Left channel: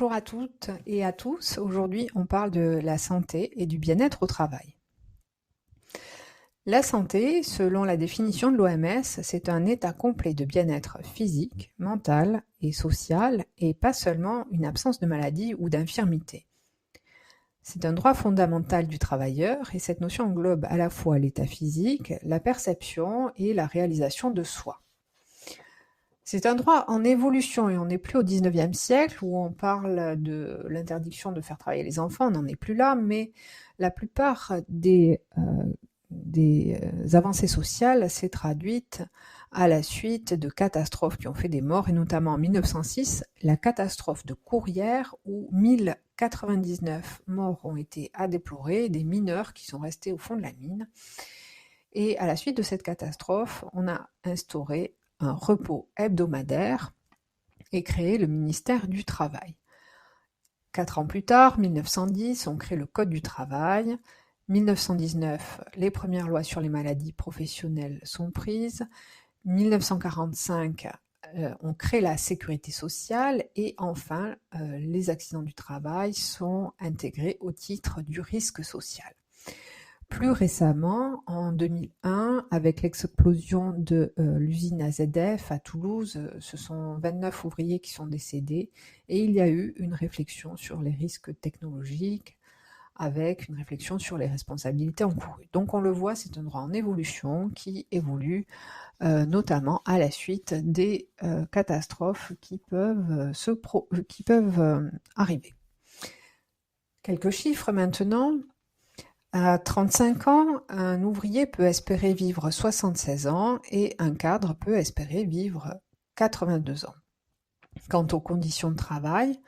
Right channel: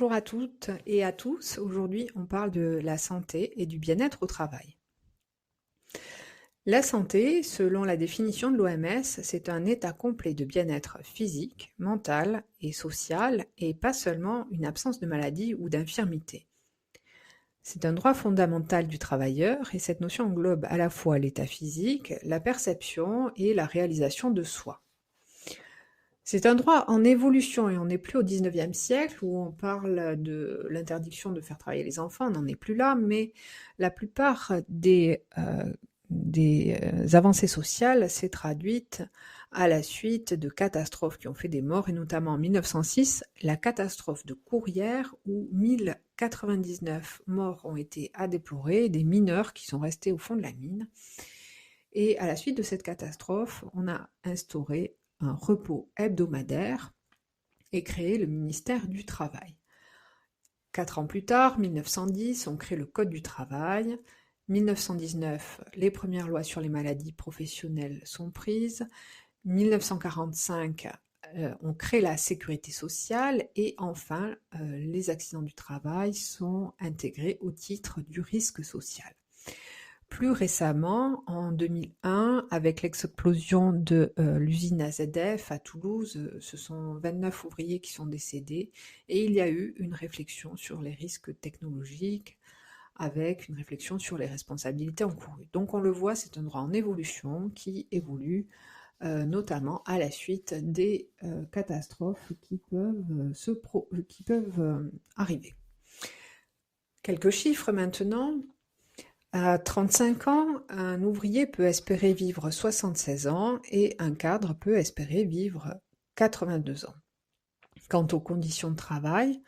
Bonjour à toutes et à tous. Aujourd'hui, on parle de la santé et du bien-être au travail. La santé, selon la définition de l'OMS, c'est un état complet de bien-être physique, mental et social et pas seulement une absence de maladie ou d'infirmité. C'est un droit fondamental du travailleur et cette notion englobe à la fois l'état physique, la perception et la réalisation de soi. C'est un droit en évolution et on n'est plus au XIXe siècle où on parle de l'interdiction de faire travailler les enfants, on n'en est plus là, mais la plupart des avancées sociales s'est traduite à la suite de catastrophes qui ont fait des morts, et notamment en 1906, la catastrophe de Courrières où 1099 morts ont été à déplorer, des mineurs qui sont restés au fond de la mine. Et à la suite de cette catastrophe, on a instauré un repos hebdomadaire et créé le ministère du Travail. 4 ans plus tard, 1910, on crée le Code du travail. 1919, les premières lois sur les maladies professionnelles sont prises. 1945, on crée la sécurité sociale et enfin, les accidents du travail sont intégrés au titre du risque social. Plus récemment, en 2001, avec l'explosion de l'usine AZF à Toulouse, ce sont 29 ouvriers qui sont décédés et il y a eu une réflexion sur les risques technologiques avec une réflexion sur les responsabilités encourues. Donc on le voit, c'est un droit en évolution qui évolue notamment à la suite des catastrophes qui peuvent arriver. Quelques chiffres maintenant. À 35 ans, un ouvrier peut espérer vivre 76 ans et un cadre peut espérer vivre 82 ans. Quant aux conditions de travail,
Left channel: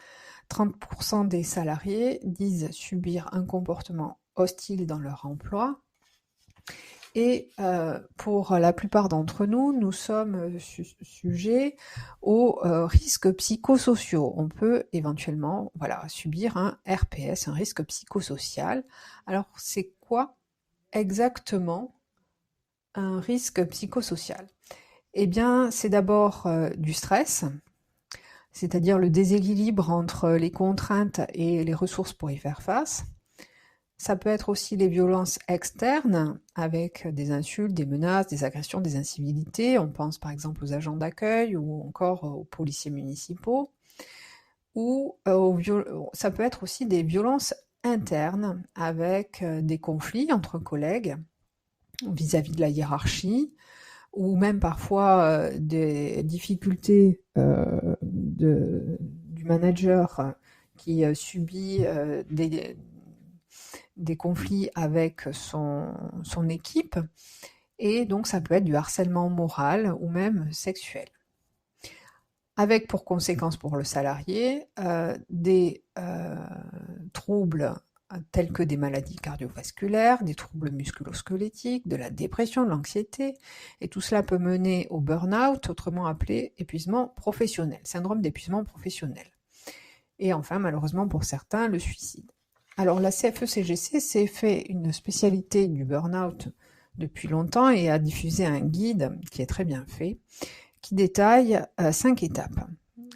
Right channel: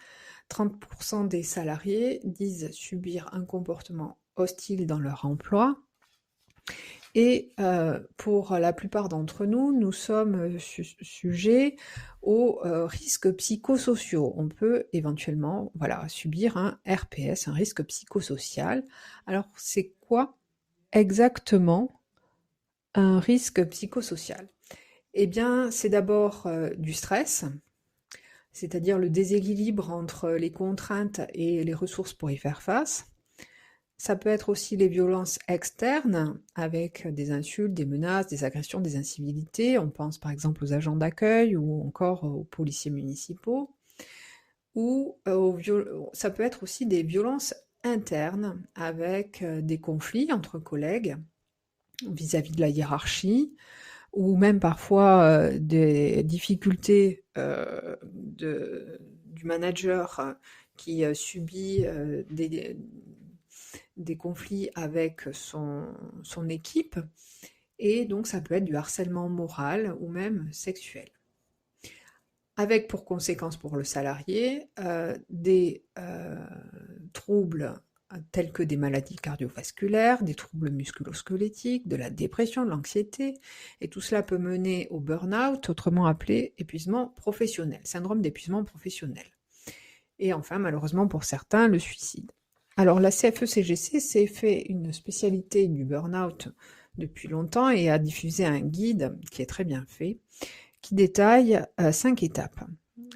30% des salariés disent subir un comportement hostile dans leur emploi. Et pour la plupart d'entre nous, nous sommes sujets aux risques psychosociaux. On peut éventuellement subir un RPS, un risque psychosocial. Alors, c'est quoi exactement un risque psychosocial? Eh bien, c'est d'abord du stress, c'est-à-dire le déséquilibre entre les contraintes et les ressources pour y faire face. Ça peut être aussi les violences externes, avec des insultes, des menaces, des agressions, des incivilités. On pense par exemple aux agents d'accueil ou encore aux policiers municipaux. Ou ça peut être aussi des violences internes, avec des conflits entre collègues vis-à-vis de la hiérarchie, ou même parfois des difficultés du manager qui subit des conflits avec son équipe, et donc ça peut être du harcèlement moral ou même sexuel. Avec pour conséquence pour le salarié des troubles tels que des maladies cardiovasculaires, des troubles musculo-squelettiques, de la dépression, de l'anxiété, et tout cela peut mener au burn-out, autrement appelé épuisement professionnel, syndrome d'épuisement professionnel. Et enfin, malheureusement pour certains, le suicide. Alors la CFE-CGC s'est fait une spécialité du burn-out depuis longtemps et a diffusé un guide qui est très bien fait, qui détaille 5 étapes.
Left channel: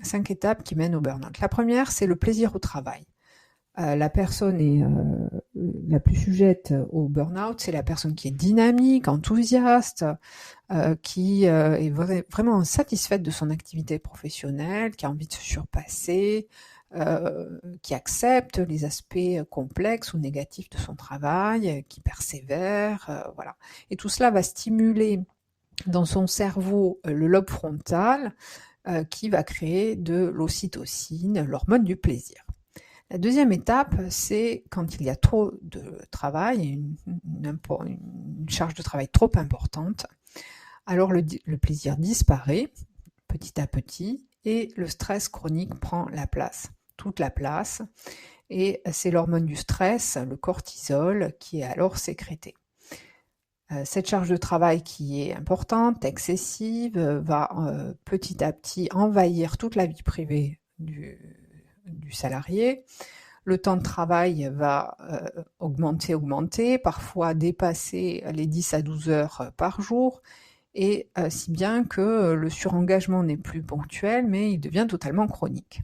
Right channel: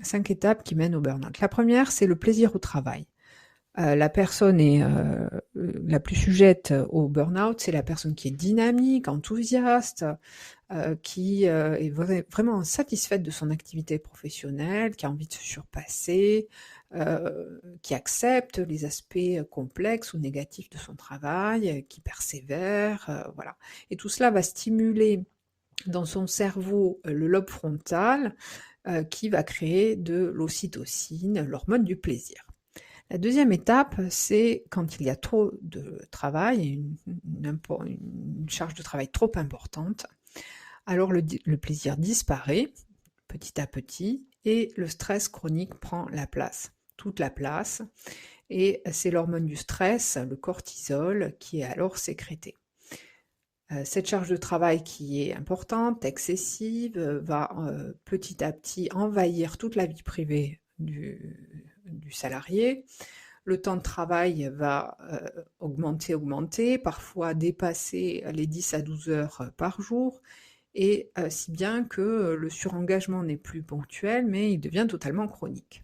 5 étapes qui mènent au burn-out. La première, c'est le plaisir au travail. La personne est la plus sujette au burn-out, c'est la personne qui est dynamique, enthousiaste, qui est vraiment satisfaite de son activité professionnelle, qui a envie de se surpasser, qui accepte les aspects complexes ou négatifs de son travail, qui persévère, voilà. Et tout cela va stimuler dans son cerveau le lobe frontal qui va créer de l'ocytocine, l'hormone du plaisir. La deuxième étape, c'est quand il y a trop de travail, une charge de travail trop importante, alors le plaisir disparaît petit à petit et le stress chronique prend la place, toute la place, et c'est l'hormone du stress, le cortisol, qui est alors sécrété. Cette charge de travail qui est importante, excessive, va petit à petit envahir toute la vie privée du salarié. Le temps de travail va augmenter, parfois dépasser les 10 à 12 heures par jour, et si bien que le surengagement n'est plus ponctuel, mais il devient totalement chronique.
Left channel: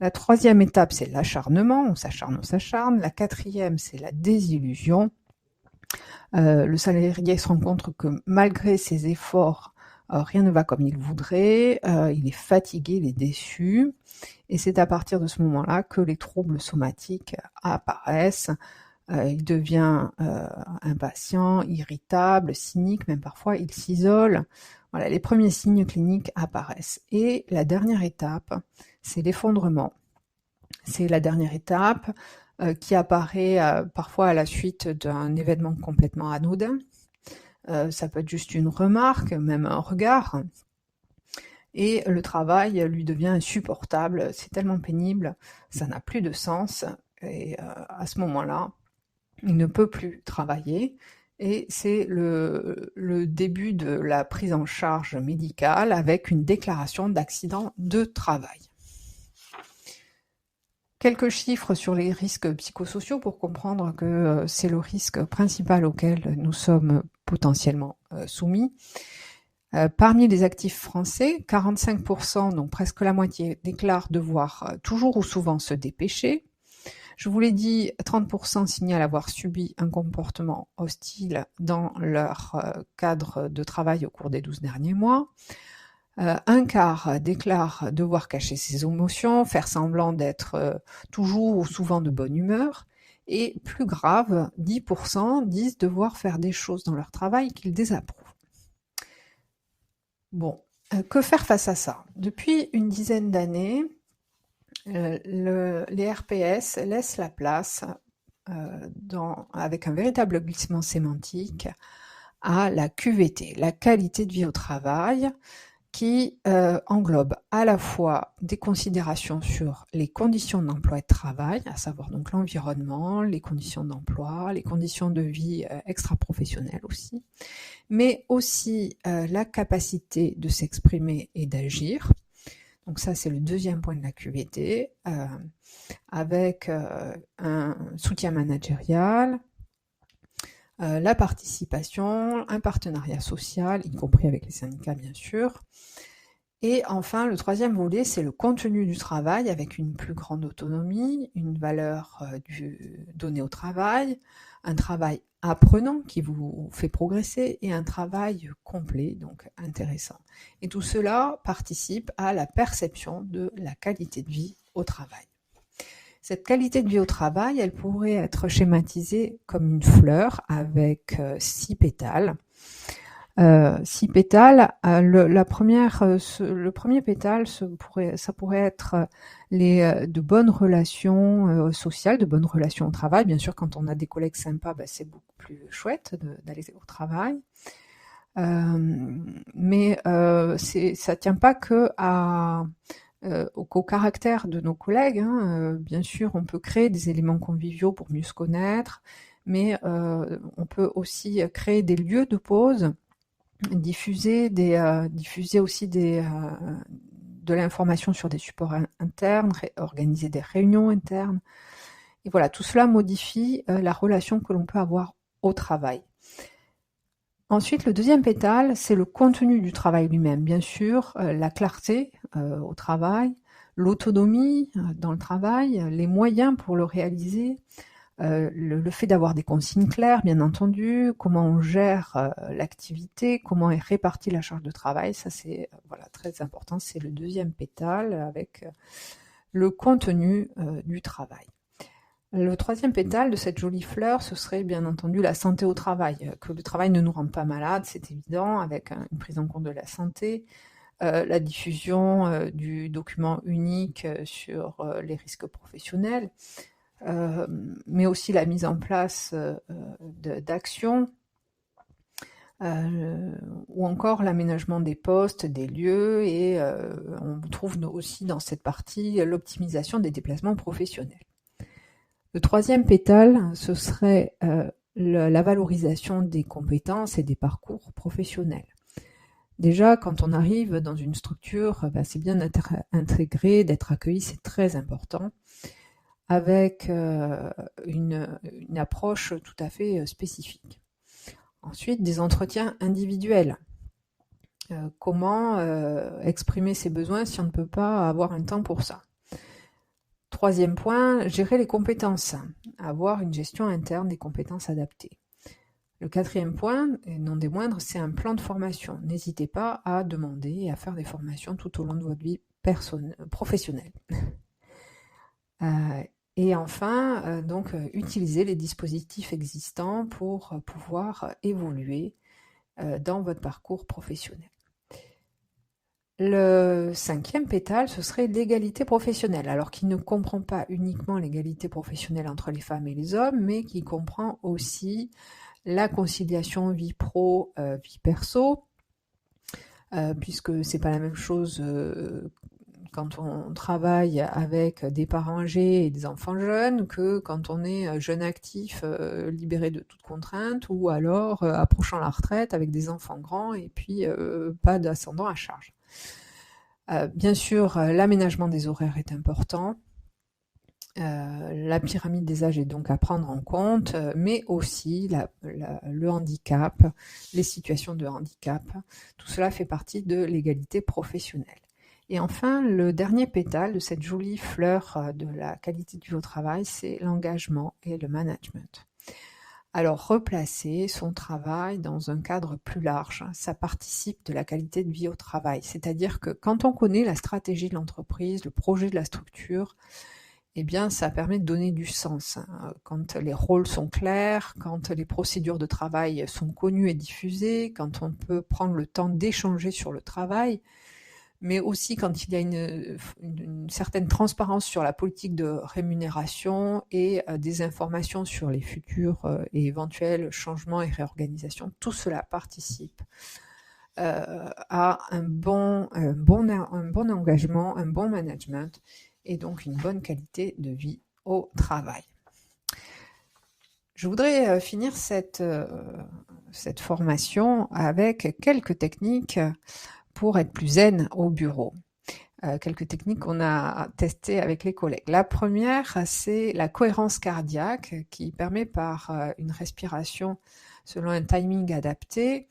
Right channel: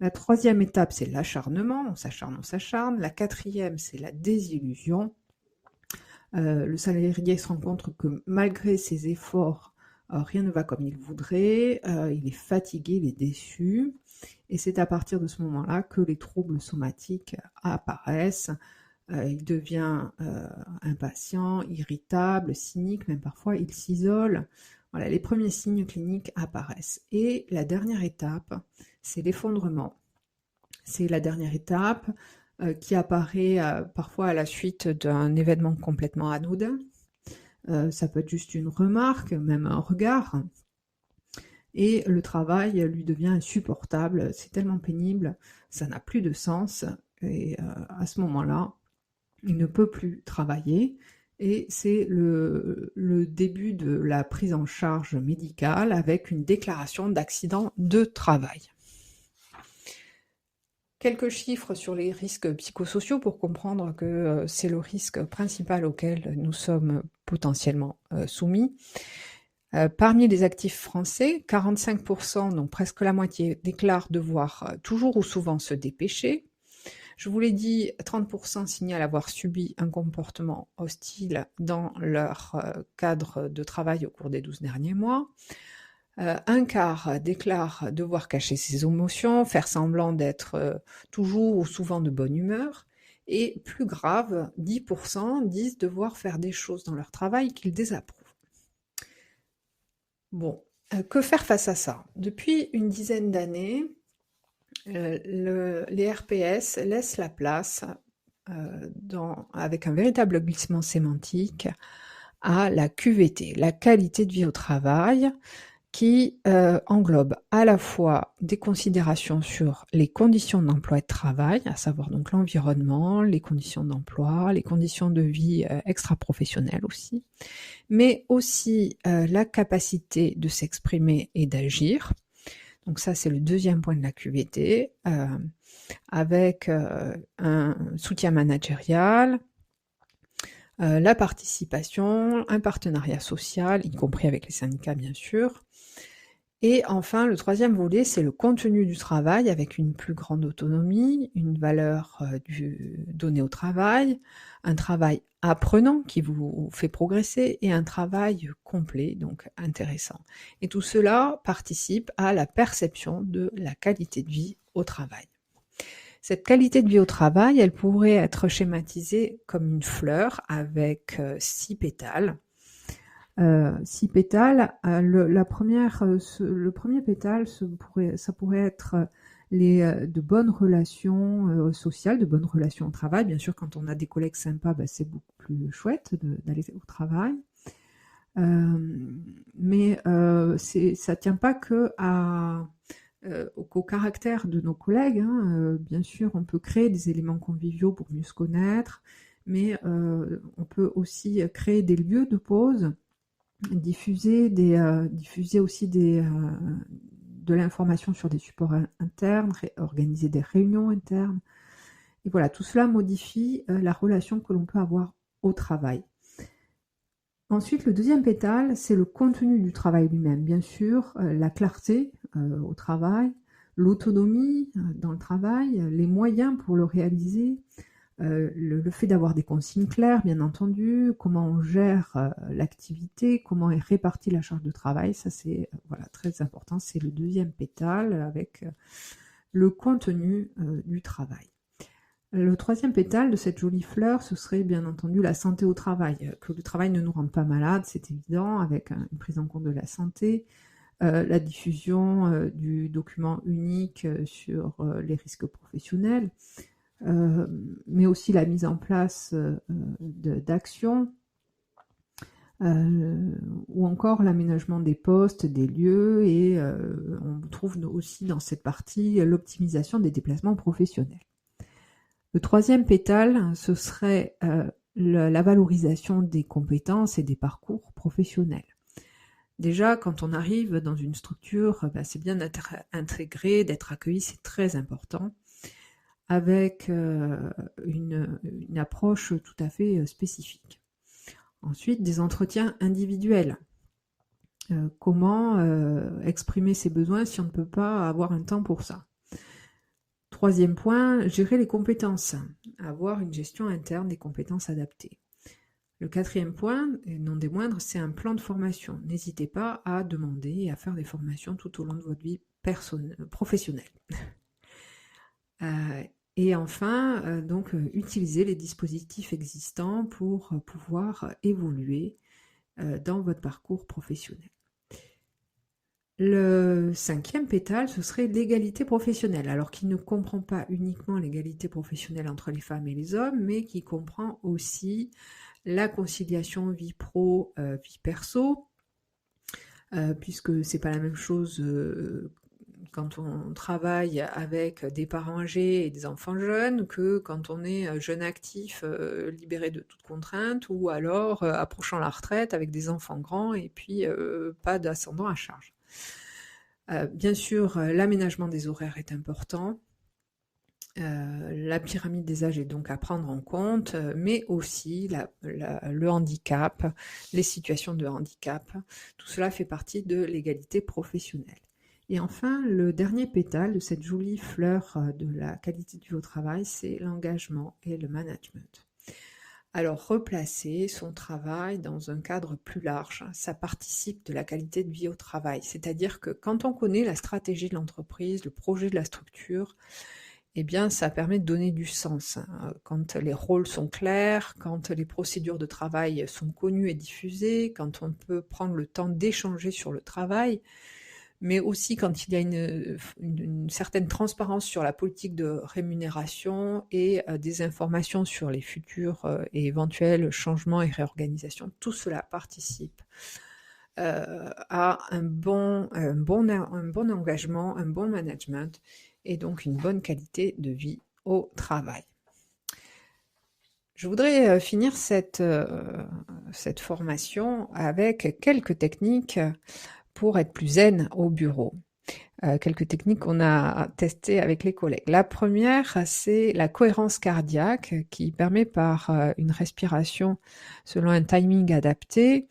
La troisième étape, c'est l'acharnement, on s'acharne. La quatrième, c'est la désillusion. Le salarié se rend compte que malgré ses efforts, rien ne va comme il voudrait, il est fatigué, il est déçu, et c'est à partir de ce moment-là que les troubles somatiques apparaissent. Il devient impatient, irritable, cynique, même parfois il s'isole. Voilà, les premiers signes cliniques apparaissent. Et la dernière étape, c'est l'effondrement. C'est la dernière étape qui apparaît parfois à la suite d'un événement complètement anodin. Ça peut être juste une remarque, même un regard. Et le travail lui devient insupportable, c'est tellement pénible, ça n'a plus de sens. Et à ce moment-là, il ne peut plus travailler. Et c'est le début de la prise en charge médicale avec une déclaration d'accident de travail. Quelques chiffres sur les risques psychosociaux pour comprendre que c'est le risque principal auquel nous sommes potentiellement soumis. Parmi les actifs français, 45%, donc presque la moitié, déclarent devoir toujours ou souvent se dépêcher. Je vous l'ai dit, 30% signalent avoir subi un comportement hostile dans leur cadre de travail au cours des 12 derniers mois. Un quart déclare devoir cacher ses émotions, faire semblant d'être toujours ou souvent de bonne humeur. Et plus grave, 10% disent devoir faire des choses dans leur travail qu'ils désapprouvent. Bon, que faire face à ça? Depuis une dizaine d'années, les RPS laissent la place, avec un véritable glissement sémantique, à la QVT, la qualité de vie au travail, qui englobe à la fois des considérations sur les conditions d'emploi et de travail, à savoir donc l'environnement, les conditions d'emploi, les conditions de vie extra-professionnelles aussi, mais aussi la capacité de s'exprimer et d'agir. Donc ça, c'est le deuxième point de la QVT, avec un soutien managérial, la participation, un partenariat social, y compris avec les syndicats bien sûr. Et enfin, le troisième volet, c'est le contenu du travail avec une plus grande autonomie, une valeur donnée au travail, un travail apprenant qui vous fait progresser et un travail complet, donc intéressant. Et tout cela participe à la perception de la qualité de vie au travail. Cette qualité de vie au travail, elle pourrait être schématisée comme une fleur avec 6 pétales. 6 pétales. Le premier pétale, ça pourrait être de bonnes relations sociales, de bonnes relations au travail. Bien sûr, quand on a des collègues sympas, c'est beaucoup plus chouette d'aller au travail. Mais ça ne tient pas qu'au caractère de nos collègues. Bien sûr, on peut créer des éléments conviviaux pour mieux se connaître, mais on peut aussi créer des lieux de pause, diffuser aussi de l'information sur des supports internes, organiser des réunions internes. Et voilà, tout cela modifie la relation que l'on peut avoir au travail. Ensuite, le deuxième pétale, c'est le contenu du travail lui-même. Bien sûr, la clarté au travail, l'autonomie dans le travail, les moyens pour le réaliser, le fait d'avoir des consignes claires, bien entendu, comment on gère l'activité, comment est répartie la charge de travail, ça c'est très important, c'est le deuxième pétale avec le contenu du travail. Le troisième pétale de cette jolie fleur, ce serait bien entendu la santé au travail, que le travail ne nous rende pas malade, c'est évident, avec une prise en compte de la santé, la diffusion du document unique sur les risques professionnels, mais aussi la mise en place d'actions, ou encore l'aménagement des postes, des lieux, et on trouve aussi dans cette partie l'optimisation des déplacements professionnels. Le troisième pétale, ce serait la valorisation des compétences et des parcours professionnels. Déjà, quand on arrive dans une structure, c'est bien d'être intégré, d'être accueilli, c'est très important, avec une approche tout à fait spécifique. Ensuite, des entretiens individuels. Comment exprimer ses besoins si on ne peut pas avoir un temps pour ça? Troisième point, gérer les compétences, avoir une gestion interne des compétences adaptées. Le quatrième point, et non des moindres, c'est un plan de formation. N'hésitez pas à demander et à faire des formations tout au long de votre vie professionnelle. Et enfin, utiliser les dispositifs existants pour pouvoir évoluer dans votre parcours professionnel. Le cinquième pétale, ce serait l'égalité professionnelle, alors qui ne comprend pas uniquement l'égalité professionnelle entre les femmes et les hommes, mais qui comprend aussi la conciliation vie pro, vie perso, puisque c'est pas la même chose quand on travaille avec des parents âgés et des enfants jeunes que quand on est jeune actif, libéré de toute contrainte, ou alors approchant la retraite avec des enfants grands et puis pas d'ascendant à charge. Bien sûr, l'aménagement des horaires est important. La pyramide des âges est donc à prendre en compte, mais aussi le handicap, les situations de handicap. Tout cela fait partie de l'égalité professionnelle. Et enfin, le dernier pétale de cette jolie fleur de la qualité de vie au travail, c'est l'engagement et le management. Alors, replacer son travail dans un cadre plus large, ça participe de la qualité de vie au travail. C'est-à-dire que quand on connaît la stratégie de l'entreprise, le projet de la structure, eh bien, ça permet de donner du sens. Quand les rôles sont clairs, quand les procédures de travail sont connues et diffusées, quand on peut prendre le temps d'échanger sur le travail, mais aussi quand il y a une certaine transparence sur la politique de rémunération et des informations sur les futurs et éventuels changements et réorganisations. Tout cela participe à un bon engagement, un bon management et donc une bonne qualité de vie au travail. Je voudrais finir cette formation avec quelques techniques pour être plus zen au bureau. Quelques techniques qu'on a testées avec les collègues. La première, c'est la cohérence cardiaque qui permet par une respiration selon un timing adapté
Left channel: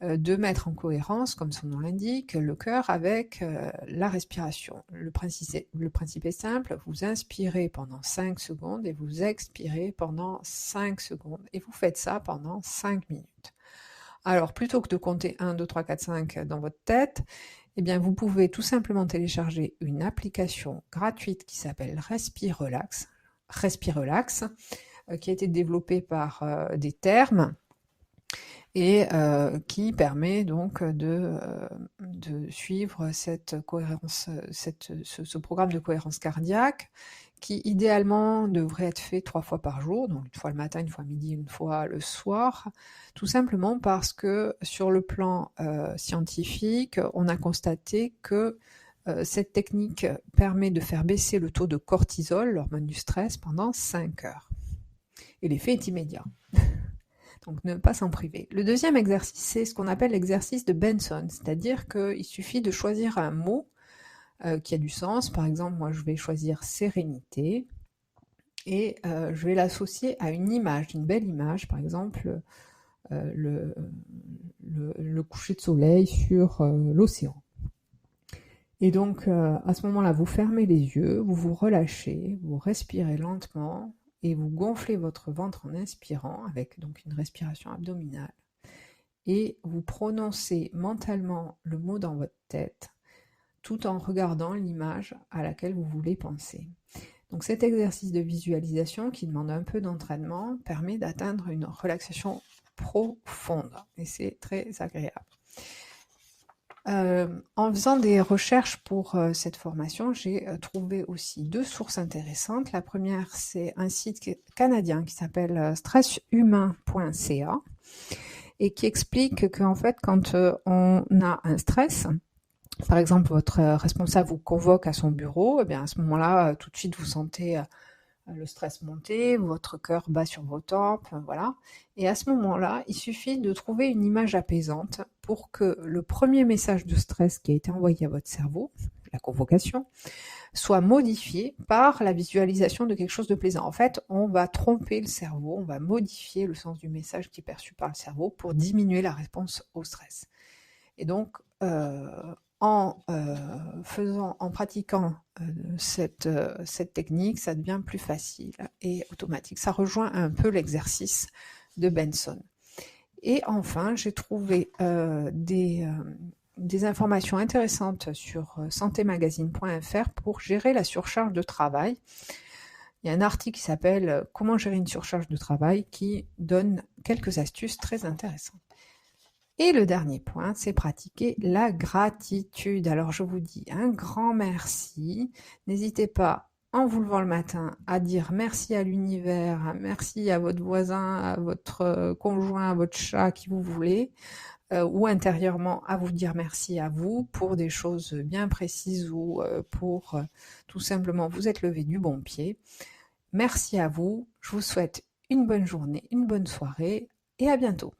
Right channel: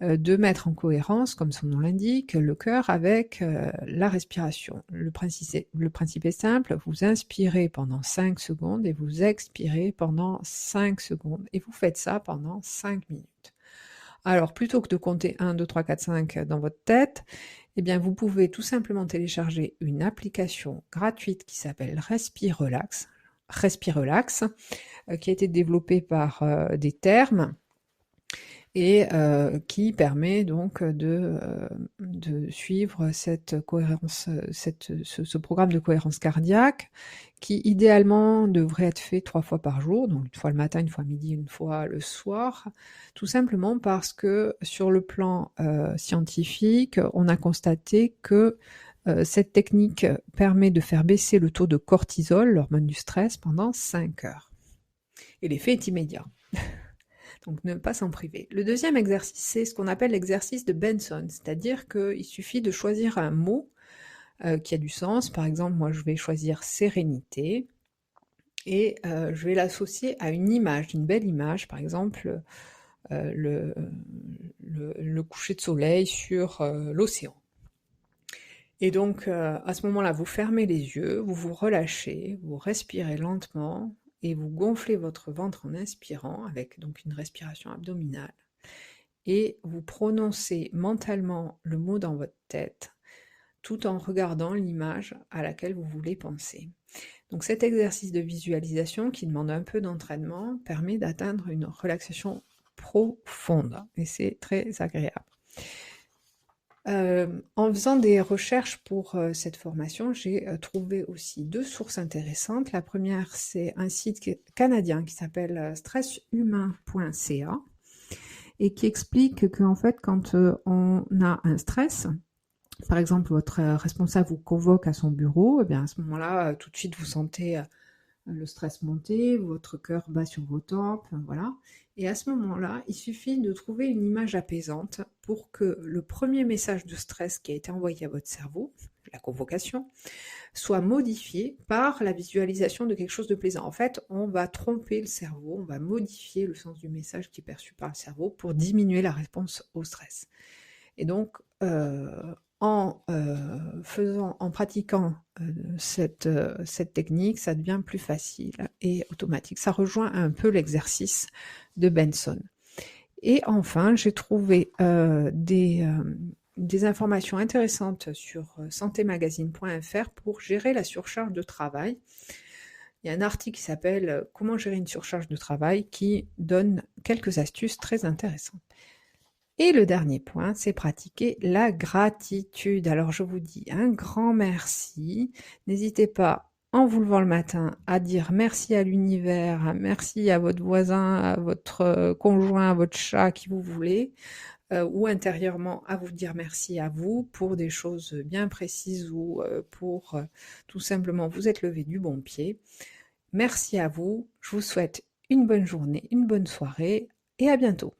de mettre en cohérence, comme son nom l'indique, le cœur avec la respiration. Le principe est simple, vous inspirez pendant 5 secondes et vous expirez pendant 5 secondes. Et vous faites ça pendant 5 minutes. Alors, plutôt que de compter 1, 2, 3, 4, 5 dans votre tête, eh bien, vous pouvez tout simplement télécharger une application gratuite qui s'appelle Respirelax, qui a été développée par des termes et qui permet donc de suivre cette cohérence, ce programme de cohérence cardiaque qui idéalement devrait être fait 3 fois par jour, donc une fois le matin, une fois midi, une fois le soir, tout simplement parce que sur le plan scientifique, on a constaté que cette technique permet de faire baisser le taux de cortisol, l'hormone du stress, pendant 5 heures. Et l'effet est immédiat. Donc ne pas s'en priver. Le deuxième exercice, c'est ce qu'on appelle l'exercice de Benson, c'est-à-dire qu'il suffit de choisir un mot qui a du sens. Par exemple, moi je vais choisir sérénité et je vais l'associer à une image, une belle image, par exemple le coucher de soleil sur l'océan. Et donc à ce moment-là, vous fermez les yeux, vous vous relâchez, vous respirez lentement et vous gonflez votre ventre en inspirant avec donc une respiration abdominale. Et vous prononcez mentalement le mot dans votre tête tout en regardant l'image à laquelle vous voulez penser. Donc cet exercice de visualisation qui demande un peu d'entraînement permet d'atteindre une relaxation profonde et c'est très agréable. En faisant des recherches pour cette formation, j'ai trouvé aussi 2 sources intéressantes. La première, c'est un site canadien qui s'appelle stresshumain.ca et qui explique qu'en fait, quand on a un stress, par exemple, votre responsable vous convoque à son bureau, et bien à ce moment-là, tout de suite, vous sentez le stress monter, votre cœur bat sur vos tempes, voilà. Et à ce moment-là, il suffit de trouver une image apaisante pour que le premier message de stress qui a été envoyé à votre cerveau, la convocation, soit modifié par la visualisation de quelque chose de plaisant. En fait, on va tromper le cerveau, on va modifier le sens du message qui est perçu par le cerveau pour diminuer la réponse au stress. Et donc, en pratiquant cette technique, ça devient plus facile et automatique. Ça rejoint un peu l'exercice de Benson. Et enfin, j'ai trouvé des informations intéressantes sur santémagazine.fr pour gérer la surcharge de travail. Il y a un article qui s'appelle « Comment gérer une surcharge de travail » qui donne quelques astuces très intéressantes. Et le dernier point, c'est pratiquer la gratitude. Alors je vous dis un grand merci. N'hésitez pas, en vous levant le matin, à dire merci à l'univers, merci à votre voisin, à votre conjoint, à votre chat, qui vous voulez, ou intérieurement à vous dire merci à vous pour des choses bien précises ou pour tout simplement vous être levé du bon pied. Merci à vous. Je vous souhaite une bonne journée, une bonne soirée et à bientôt.